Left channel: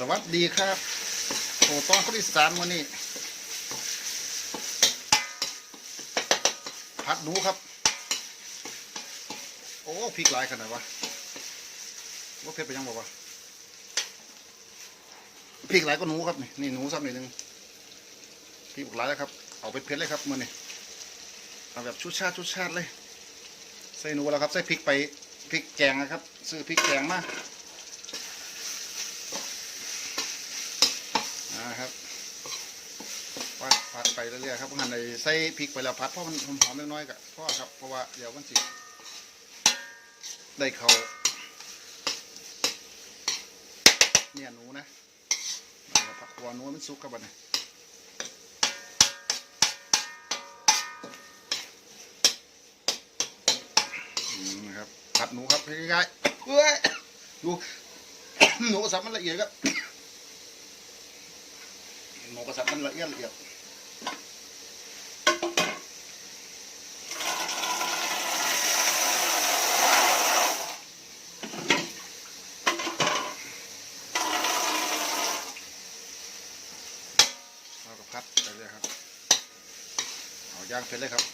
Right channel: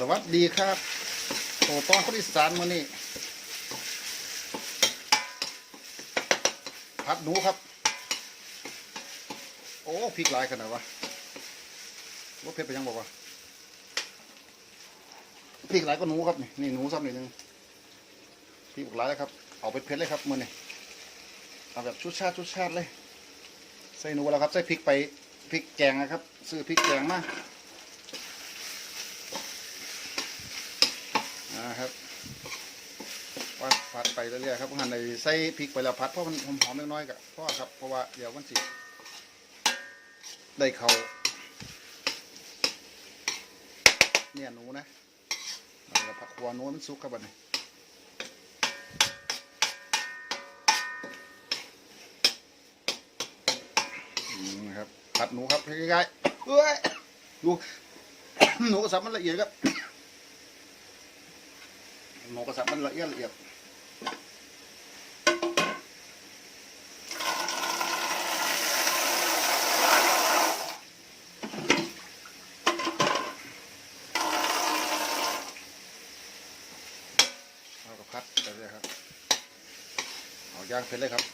สวัสดีครับโอ้ตอนคนอีสานมานี่ผัดหนูครับ โอ้พริกหลายขนาดวะว่าเผ็ดไปยังบอกว่าพริกหลายก็หนูครับนี่นี่หนูซ้ำหน่อยนึงพริกหลายแล้วครับ เอาไปเผ็ดเลยครับมือนี่เอาแบบชุดชาติชุดชาติเลย ใส่หนูแล้วครับ ใส่พริกไปพริกแกงนะครับ ซื้อพริกแกงมา นะครับ ผัดผัดไปเรื่อยๆครับหั่นในใส่พริกไปแล้วผัดเพราะมันหอมๆน้อยๆกับพ่อครับเพราะว่าเดี๋ยวมันสิได้เขาเนี่ยหนูนะมันก็ผักหัวหนูมันสุกครับบัดนี้อืมนะครับผัดหนูครับให้ง่ายๆเอ้ยดูหนูก็สับมันละเอียดครับหมูกระสับมันละเอียดละเอียดเอากระพัดไปเลยครับเอา ย่างเสร็จเลยครับ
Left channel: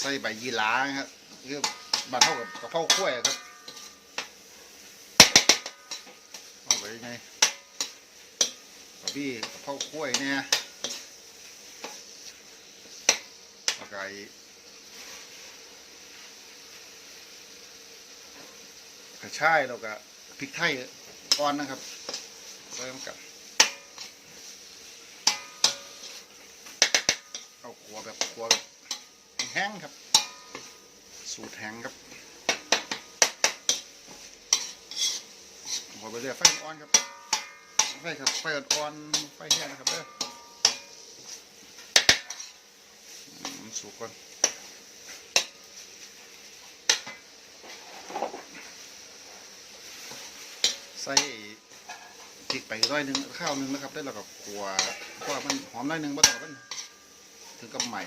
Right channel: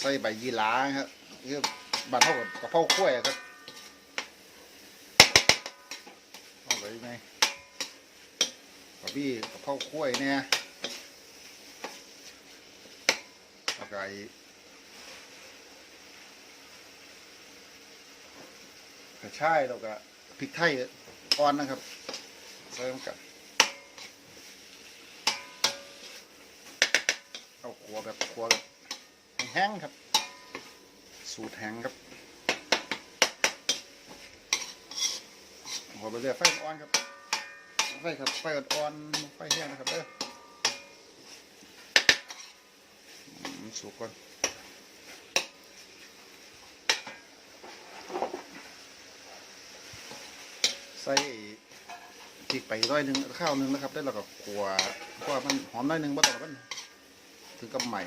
ใส่ใบยีหราครับคือบานเท่ากับกระเพราขั้วยครับเอาไปยังไงกระบี่กระเพรากล้วยเนี่ยปลาไก่กระชายแล้วก็พริกไทยอ่อนนะครับใส่ลงจับเอาขัวแบบขัวแบบ แห้งครับ สูตรแห้งครับขัวไปเรื่อยไฟอ่อนครับไฟครับไฟอ่อนไฟแห้งนะครับเด้อสุกก่อนใส่พริกไปร้อยหนึ่งข้าวหนึ่งนะครับได้แล้วก็ขัวเพราะว่ามันหอมน้อยหนึ่งบ่ต้องมันถึงกับใหม่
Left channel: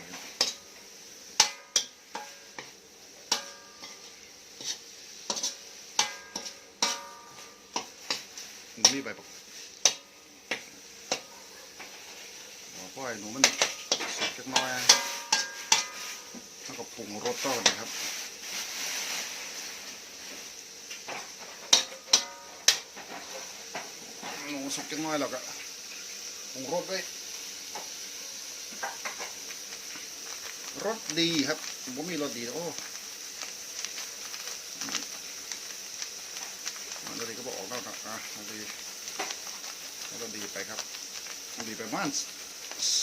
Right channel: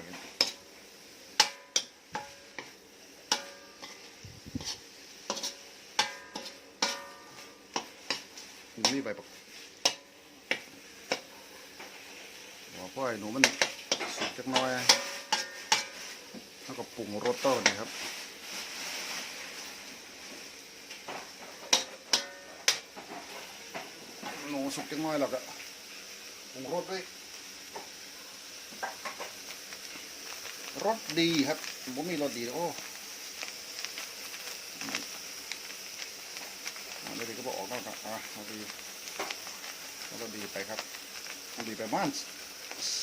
นี่ใบประหัวพ่อยหนูมันสุกจักน้อยแล้วก็ปรุงรสต่อนะครับหนูสุกจักน้อยแล้วก็ปรุงรสด้วยรสดีครับผมมีรสดีโอ้ อันดีก็บอกออกแล้วนะอะเอาดีเอารสดีไปครับดีไปประมาณ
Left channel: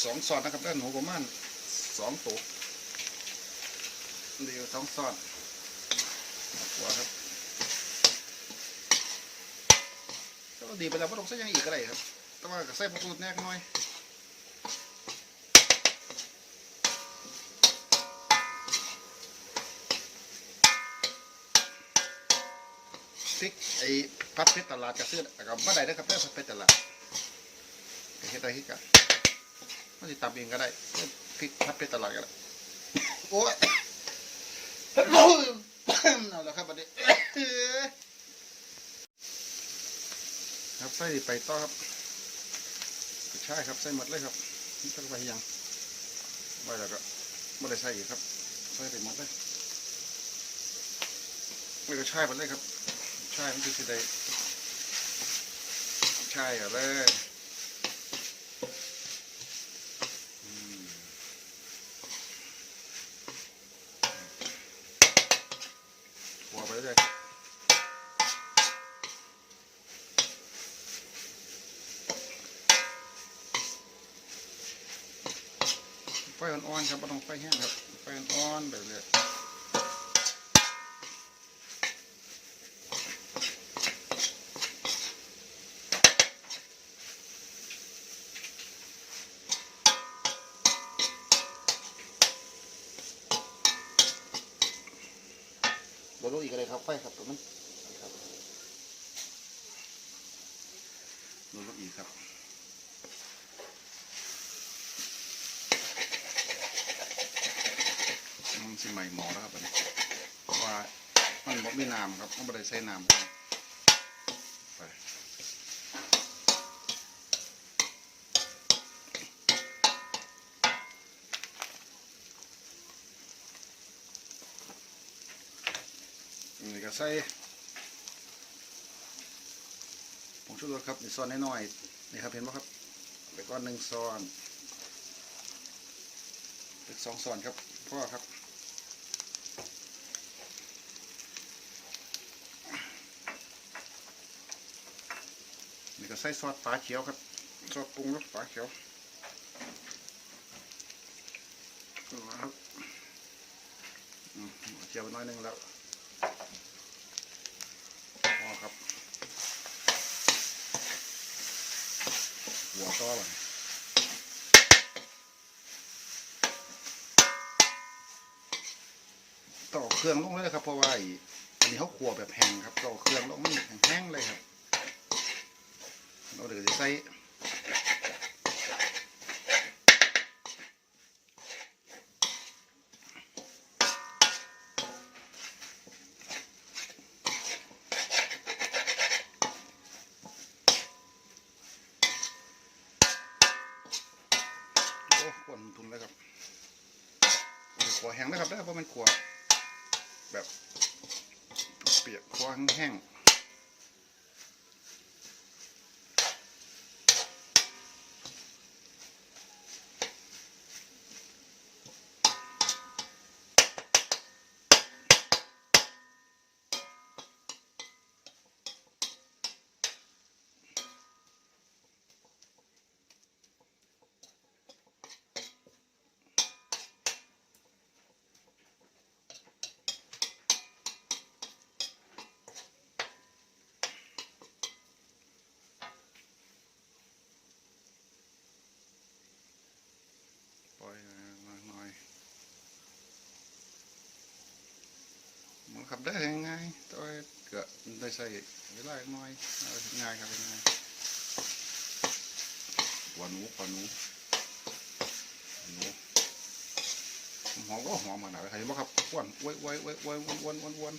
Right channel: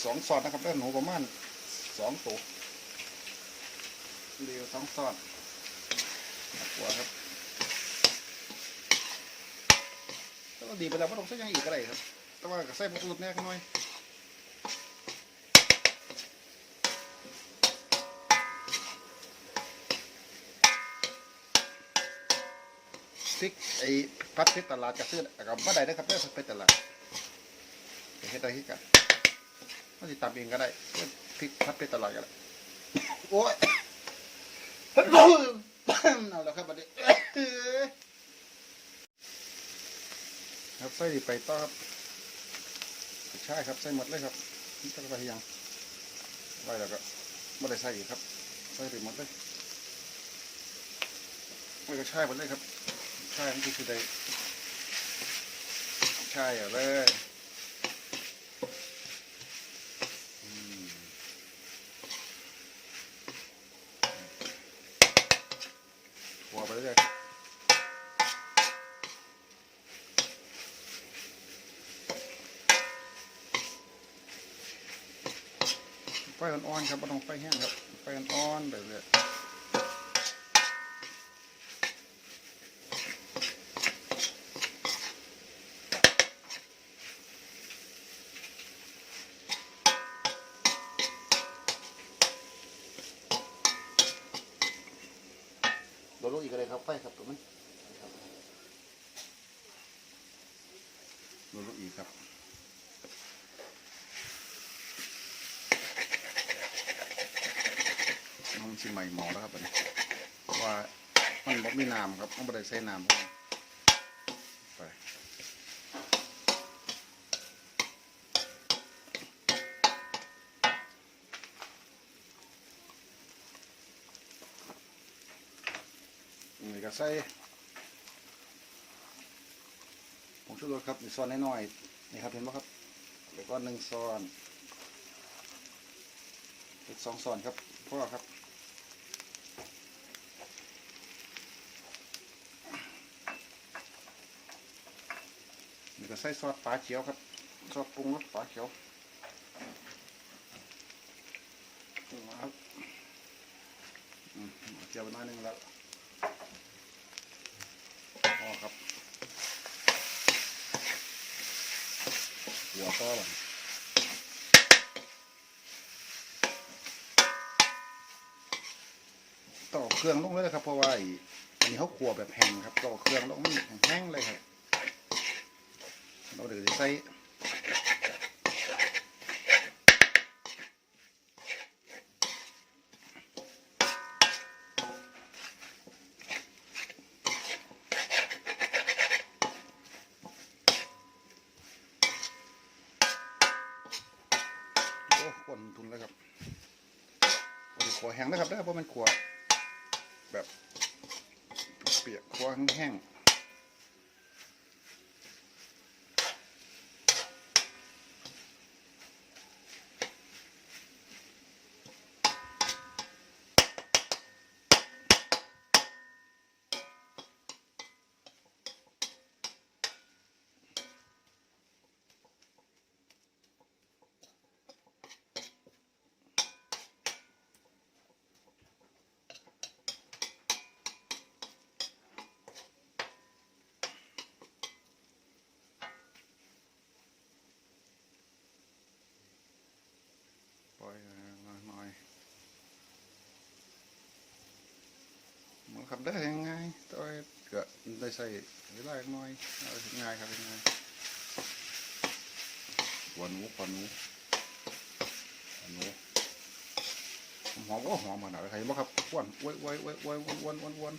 สองซอดนะครับด้านหนูประมาณสองตัวเดียวสองซอดหัวครับก็ดีไปแล้วไม่ต้องใส่ยังอีกอะไรครับ แต่ว่าก็ใส่ผงชูรสแน่หน่อย พริกไอ้พัดพริกตลาดจะซื้อกับบ่ได้นะครับเด้อพัดพริกตลาดเฮ็ดได้ที่กันมันจะตำเองก็ได้พริกพัดไปตลาดก็ได้โอ้ยเอาล้วครับบัดนี้ครับใส่ไปต่อครับใช่ครับใส่หมดเลยครับนี่ต้องไปยังไว้แล้วก็ไม่ได้ใส่อีกครับใส่ไปหมดเลยไม่ก็ใช่หมดเลยครับ ช่มันคือได้ใช่อเลยหัวไปเรื่อยไฟอ่อนๆครับไม่ต้องไฟแห้งครับไฟอ่อนๆไปเรื่อยเดี๋ยว ลงอีกอะไรครับไฟครับตัวมันครับลงอีกครับต้องชิมใหม่หมอแล้วครับตอนนี้ว่ามันบอกมีน้ำครับต้องไปใช้น้ำครับ ก็ใส่ผงชูรสครับนี่ซอนน้อยๆนี่ครับเห็นไหมครับแล้วก็หนึ่งซอนอีกสองซอนครับพ่อครับนี่ก็ใส่ซอสปลาเขียวครับซอสปรุงรสปลาเขียวนะครับเจียวไปน้อยหนึงแล้วพอครับ หัวต่อหลังต่อเครื่องลงเลยครับเพราะว่าอันนี้เขาขัวแบบแห้งครับต่อเครื่องลงมันแห้งเลยครับเราเดี๋ยวจะใส่ โอ้ขวดมันทุนแล้วครับขัวแห้งนะครับได้เพราะมันขัวแบบเปียกขัวแห้งๆ ปล่อยมาหน่อยมันขับได้ยังไงตัวเกิดได้ ใส่เวลาอีกหน่อยเอาง่ายครับง่ายหัวหนูหัวหนูหัวหนูหอมก็หอมขนาดไหนบ้างครับอ้วนอ้วนอ้วนอ้วนอ้วนอ้วนอ้วนอ้วน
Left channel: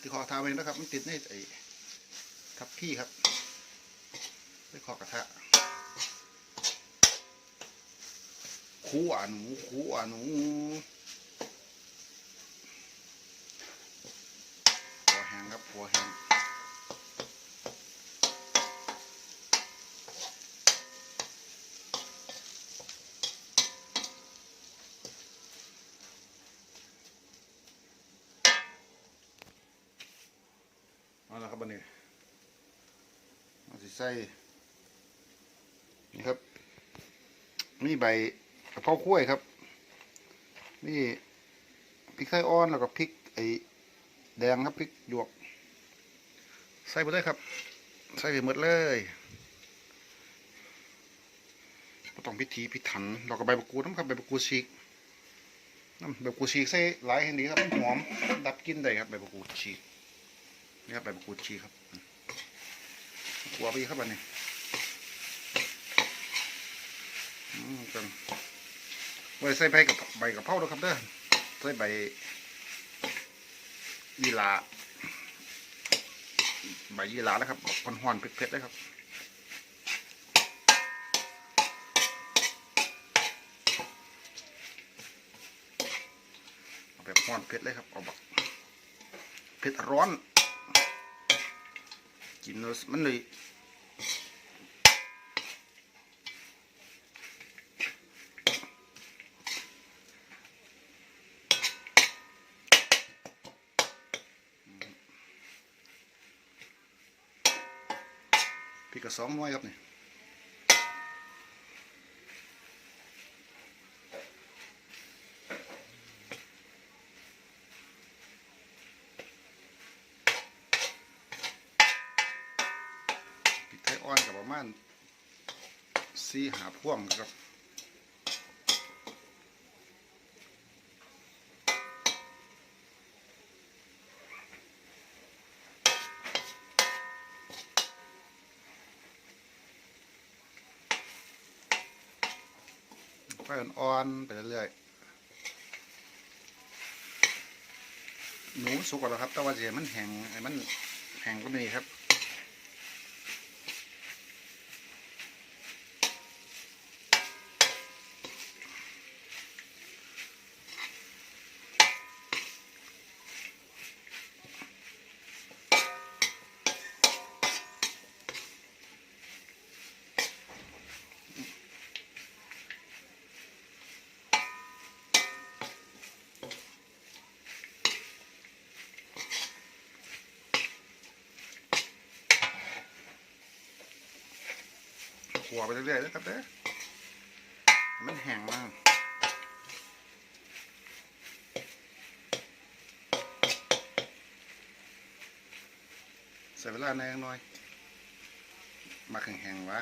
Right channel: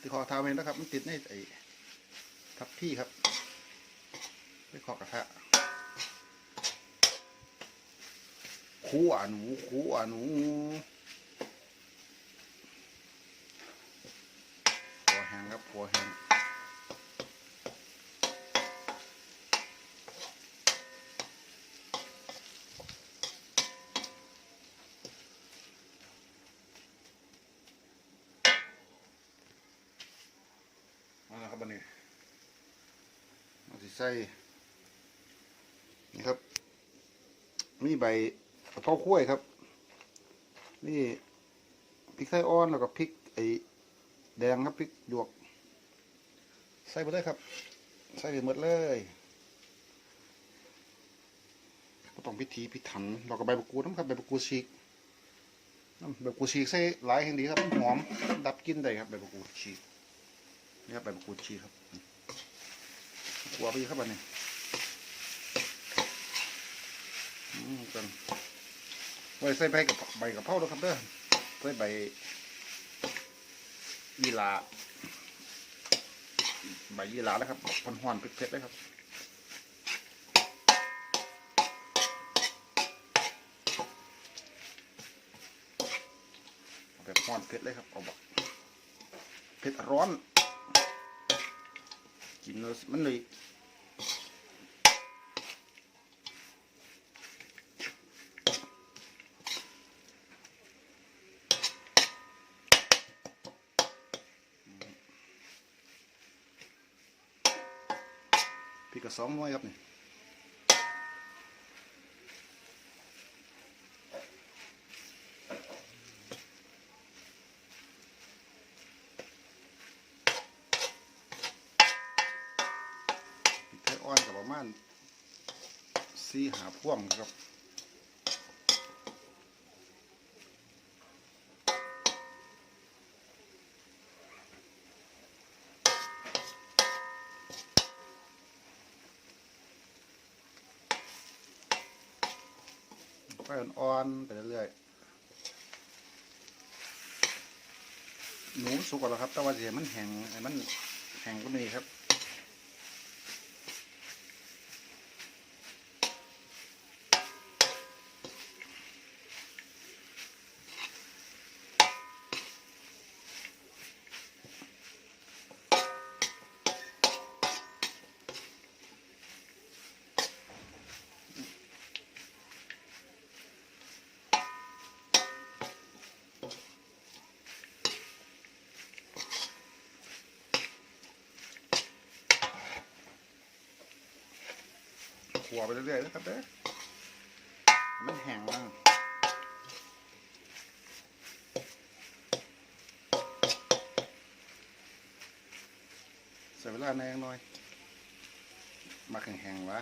ที่คอทาเองนะครับ มันติดในไอ้ทับพี่ครับไปขอกระทะคู่อะหนูคู่อะหนูหัวแห้งครับหัวแห้ง เอาละครับบันนี้เอาสิใส่นี่ครับ มีใบกะเพราขั้วยครับ นี่พริกไทยอ่อนแล้วก็พริกไอ้แดงครับพริกหยวก ใส่ไปเลยครับ ใส่ไปหมดเลยบ่ต้องพิธีพิถันเราก็ใบมะกรูดน้ำครับใบมะกรูดฉีกน้ำใบมะกรูดฉีกใส่หลายแห่งดีครับมันหอมดับกลินได้ครับใบมะกรูดฉีก นี่ครับใบมะกรูดฉีครับกลัวไปอีกครับอันนี้อืมกันไว้ใส่ใบกับใบกับเพราด้วยครับเด้อใส่ใบยีราใบยีราแล้วครับหอนหอนเผ็ดๆเลยครับแบบหอนเผ็ดเลยครับเอาแบบเผ็ดร้อน nos manui thì cả xóm nói gặp này. พ่วงครับไฟอ่อนๆไปเรื่อยๆหนูสุกแล้วครับ แต่ว่าเสียมันแห้งไอ้มันแห้งก็นี่ครับ ขัวไปเรื่อยๆนะครับเด้อมันแห้งมากใส่เวลาแนงหน่อยมาแห้งๆวะ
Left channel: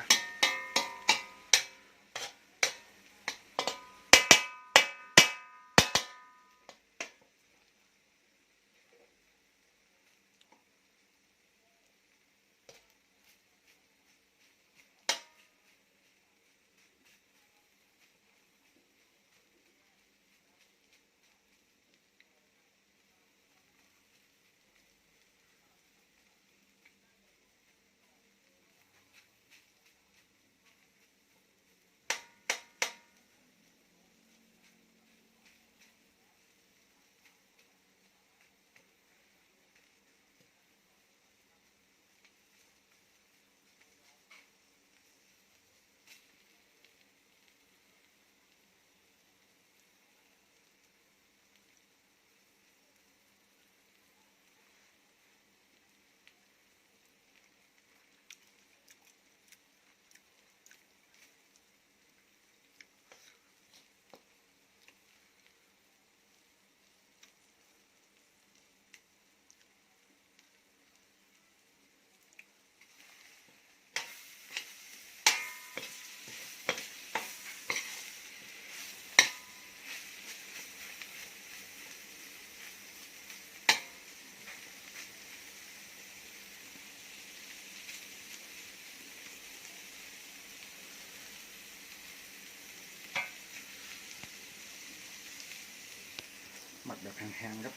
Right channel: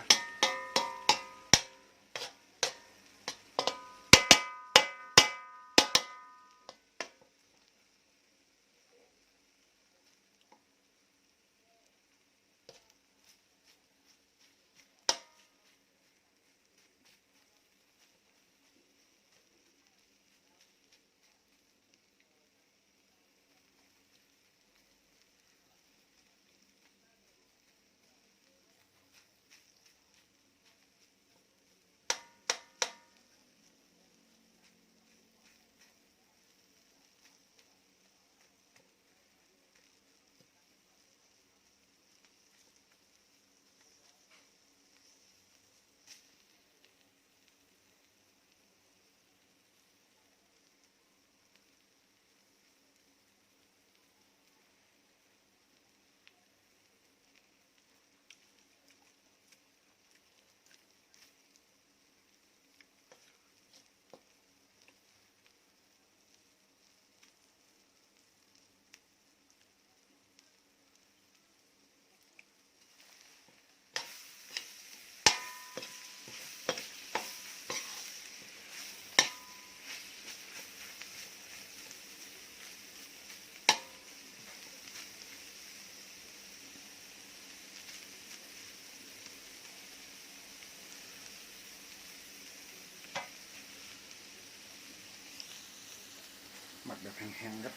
แบบแห้งๆครับ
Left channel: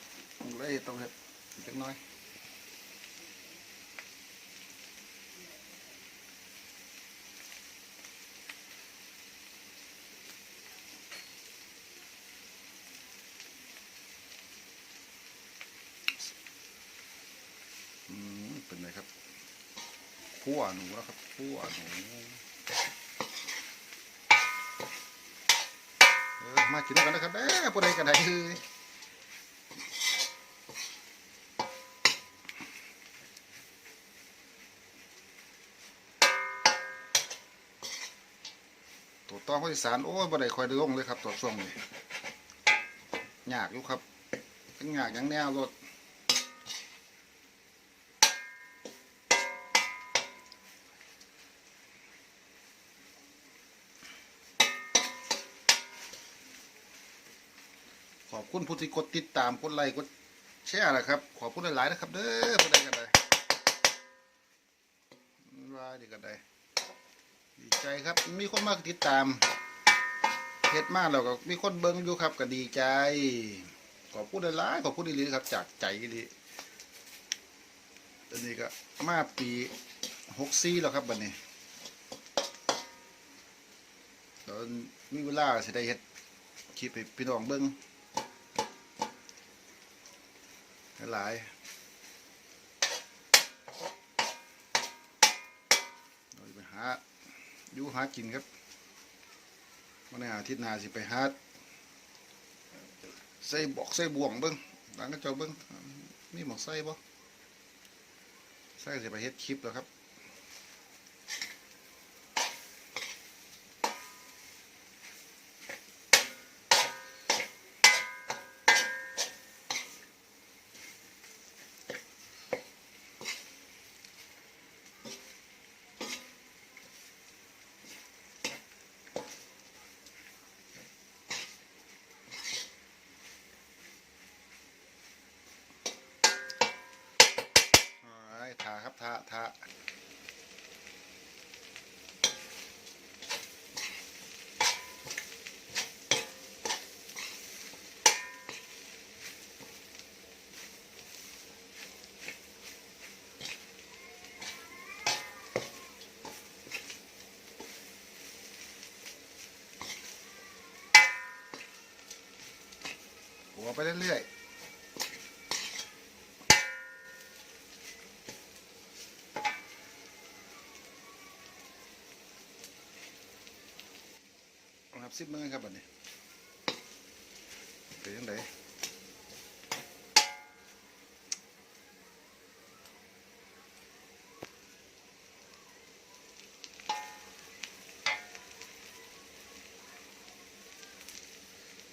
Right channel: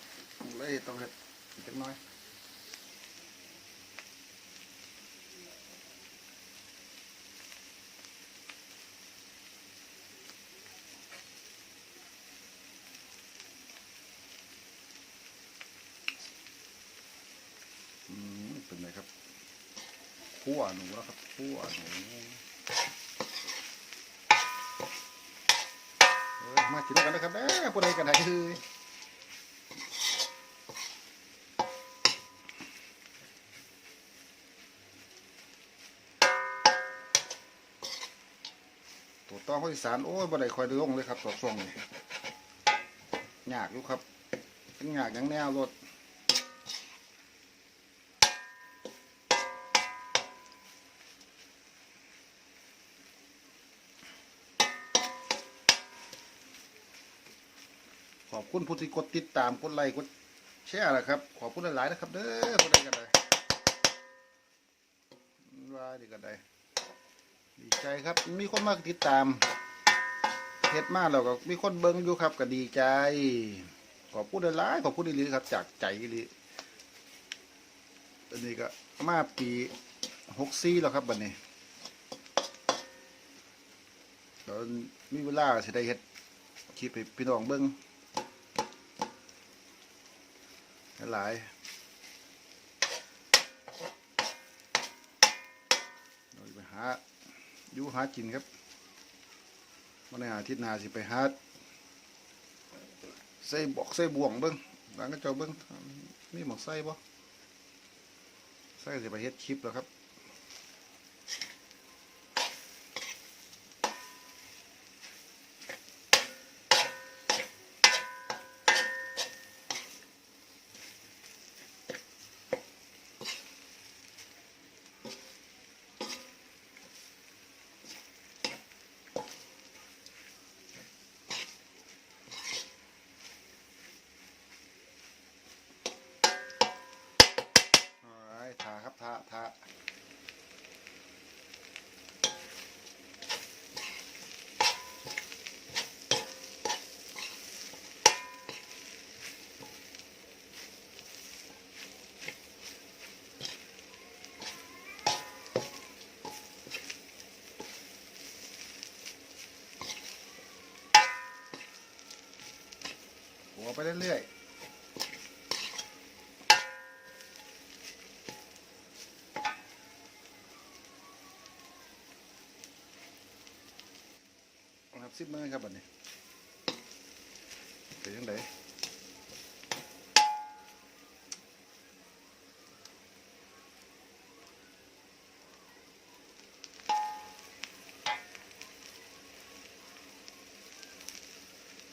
เลยต้องเห็ดอีกจักน้อยอืมเป็นไงครับคั่วหนูแล้วครับคั่วหนูเออมากินด้วยกันนะครับเด้อผู้ใดกันไหนคือ องข้าวอีสานโอ้ยบ่ได้คอยได้ลงเลยครับตัวช่วงนี้ยากอยู่ครับทั้งยากยังแนวรถขอบคุณผู้ที่กดติดตามกดไลค์กดแชร์นะครับ ขอบคุณหลายๆนะครับ เด้อผู้ใดกันใดว่าดีกันใด ดีใจครับ มีคนมากติดตามเฮ็ดมากแล้วก็มีคนเบิ่งอยู่ครับก็ดีใจ ขอพูดหลายๆขอพูดดีๆครับ จากใจดีตอนนี้ก็มาปีหกสี่แล้วครับบัดนี้ตอนมีเวลาสิได้เฮ็ดคลิปให้พี่น้องเบิ่งหลายๆเราจะไปหา อยู่หากินครับวันนี้อาทิตย์หน้าสิไปหาใส่บอกใส่บ่วงเบิ้งหลังก็เจ้าเบิ้งมีหมอกใส่บ่ใส่สิไปเฮ็ดคลิปแล้วครับไอ้ ทาครับทาทาหัวไปเรื่อย ซิมเมอร์ครับบัดนี้เป็นยังไง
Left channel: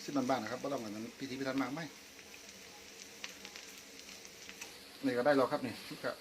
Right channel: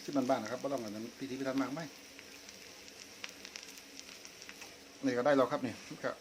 ซิบมันบ้างนะครับไม่ต้องอันนั้นพิธีพิธันมากไหมนี่ก็ได้เราครับนี่ก็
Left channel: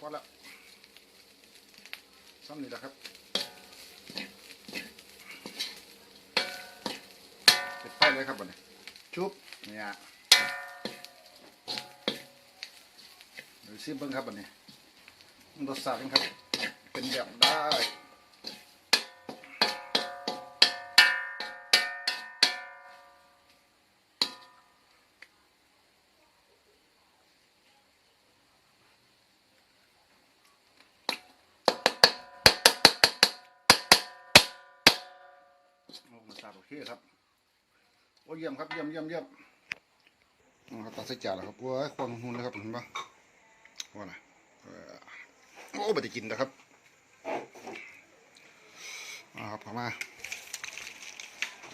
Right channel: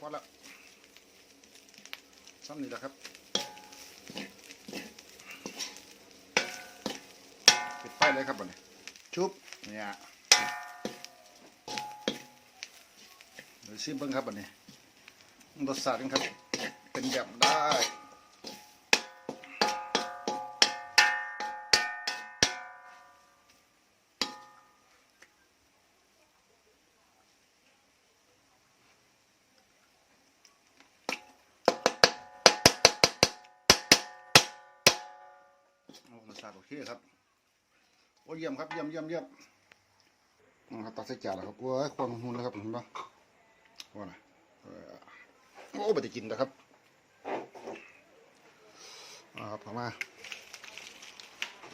พอแล้วครับพอแล้วซ้ำนี่แหละครับปิดไฟเลยครับบัดนี้ชุบเนี่ยเดี๋ยวชิมเบิ้งครับบัดนี้รสชาติเป็นครับ เป็นแบบได้ เคครับโอ้เยี่ยมครับเยี่ยมเยี่ยมเยี่ยมครับตัดใส่จานแล้วครับโอ้ยควันหุ่นแล้วครับเห็นปะว่าน่ะโอ้ไม่ได้กินนะครับอ่าครับเข้ามา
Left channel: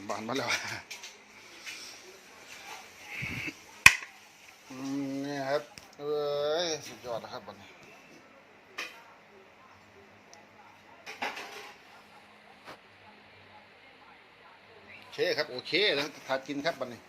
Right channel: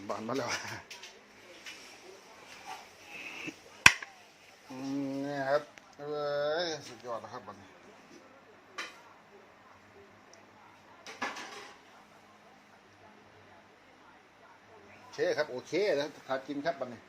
บานมาแล้วอืมนี่ครับเอ้ยสุดยอดนะครับบัดนี้ เคครับ โอเคแล้วทานกินครับบันนี้